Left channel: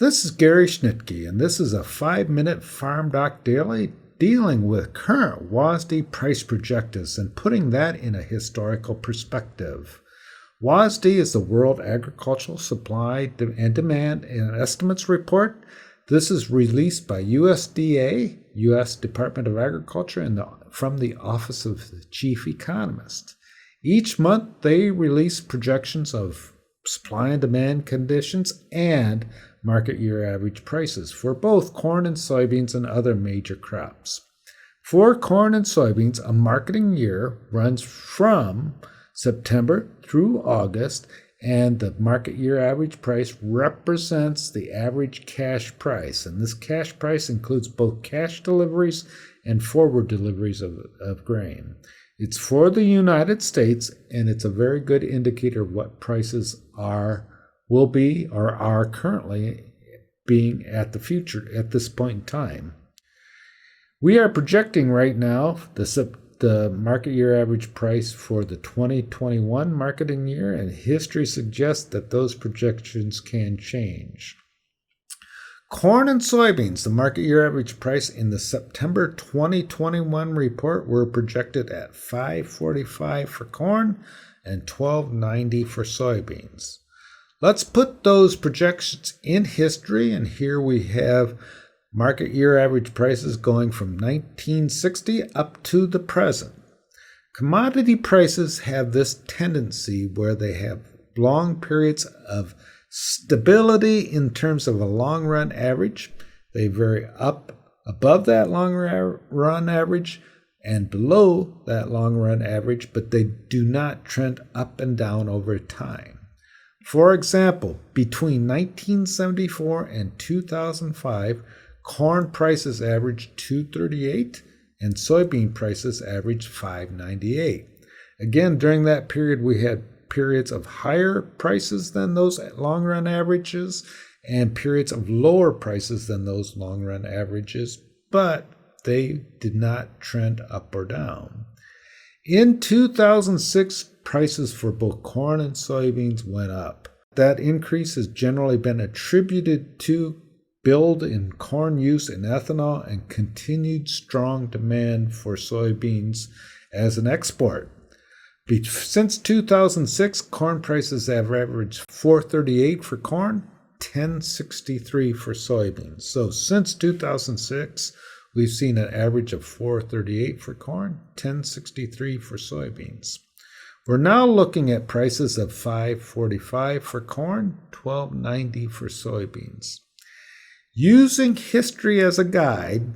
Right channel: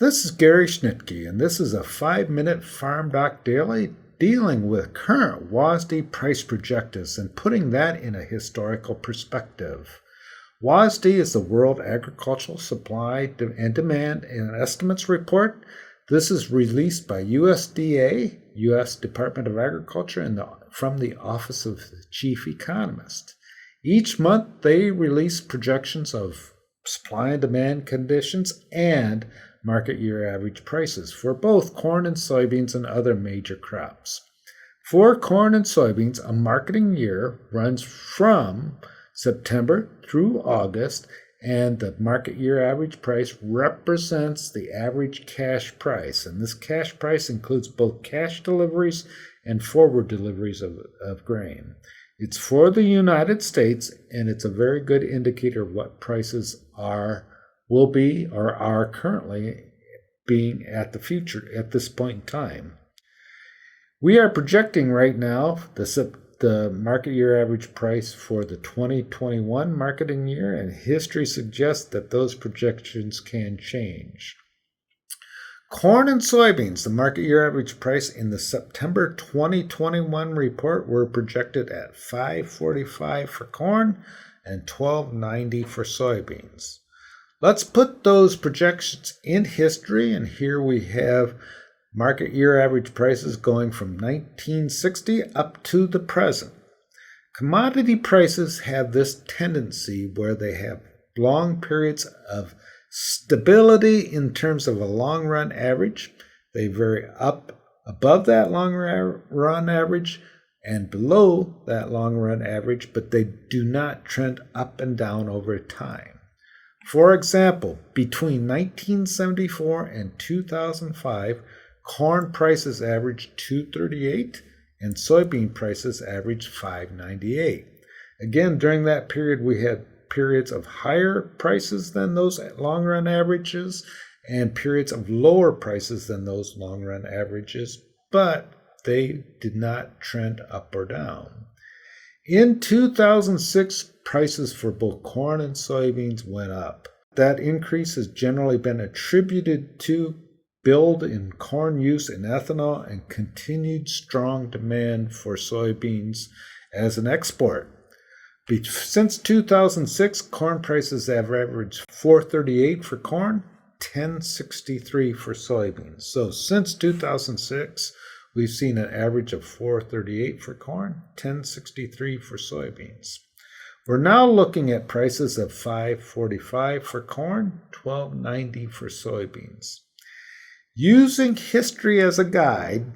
This is Gary Schnitkey, and this is a 5-minute farmdoc daily dealing with current WASDE price projections and putting that in a historical perspective. WASDE is the World Agricultural Supply and Demand and Estimates Report. This is released by USDA, U.S. Department of Agriculture, and from the Office of the Chief Economist. Each month, they release projections of supply and demand conditions and market year average prices for both corn and soybeans and other major crops. For corn and soybeans, a marketing year runs from September through August, and the market year average price represents the average cash price. And this cash price includes both cash deliveries and forward deliveries of grain. It's for the United States, and it's a very good indicator of what prices will be or are currently being at this point in time. We are projecting right now the market year average price for the 2021 marketing year, and history suggests that those projections can change. Corn and soybeans, the market year average price in the September 2021 report were projected at $5.45 for corn and $12.90 for soybeans. Let's put those projections in history, and here we have market year average prices going from 1960 up to the present. Commodity prices have this tendency where they have long periods of stability in terms of a long run average. They vary up above that long run average and below that long run average, but they do not trend up and down over time. For example, between 1974 and 2005, corn prices averaged $2.38 and soybean prices averaged $5.98. Again, during that period, we had periods of higher prices than those long-run averages and periods of lower prices than those long-run averages, but they did not trend up or down. In 2006, prices for both corn and soybeans went up. That increase has generally been attributed to build in corn use in ethanol and continued strong demand for soybeans as an export. Since 2006, corn prices have averaged $4.38 for corn, $10.63 for soybeans. So since 2006, we've seen an average of $4.38 for corn, $10.63 for soybeans. We're now looking at prices of $5.45 for corn, $12.90 for soybeans. Using history as a guide,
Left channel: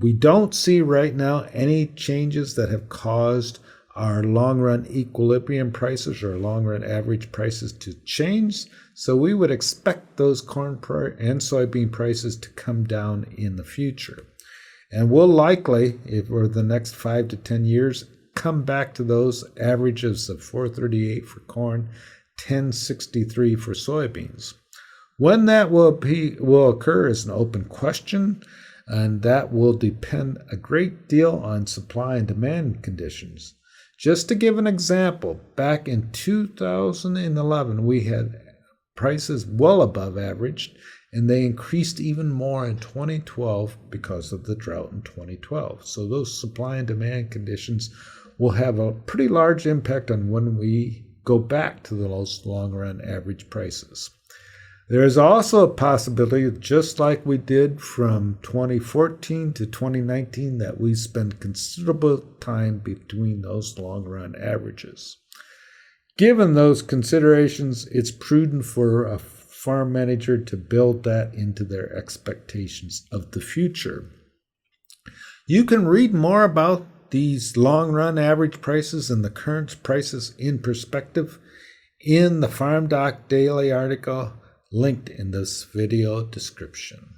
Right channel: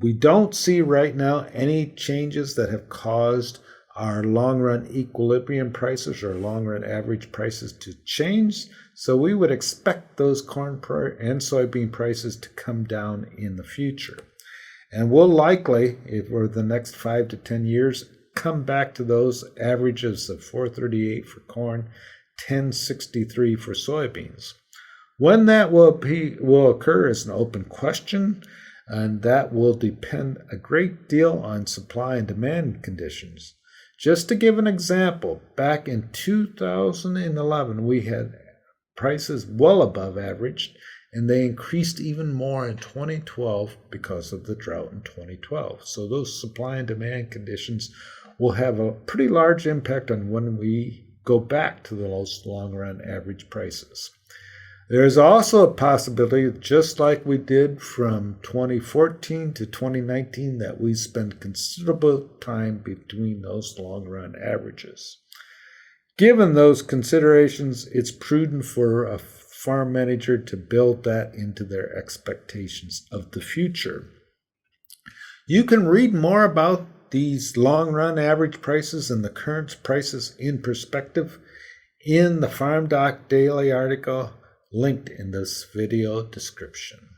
we don't see right now any changes that have caused our long-run equilibrium prices or long-run average prices to change. So we would expect those corn and soybean prices to come down in the future. And we'll likely, over the next 5 to 10 years, come back to those averages of $4.38 for corn, $10.63 for soybeans. When that will occur is an open question, and that will depend a great deal on supply and demand conditions. Just to give an example, back in 2011, we had prices well above average, and they increased even more in 2012 because of the drought in 2012. So those supply and demand conditions will have a pretty large impact on when we go back to those long-run average prices. There is also a possibility, just like we did from 2014 to 2019, that we spend considerable time between those long-run averages. Given those considerations, it's prudent for a farm manager to build that into their expectations of the future. You can read more about these long-run average prices and the current prices in perspective in the FarmDoc Daily article linked in this video description.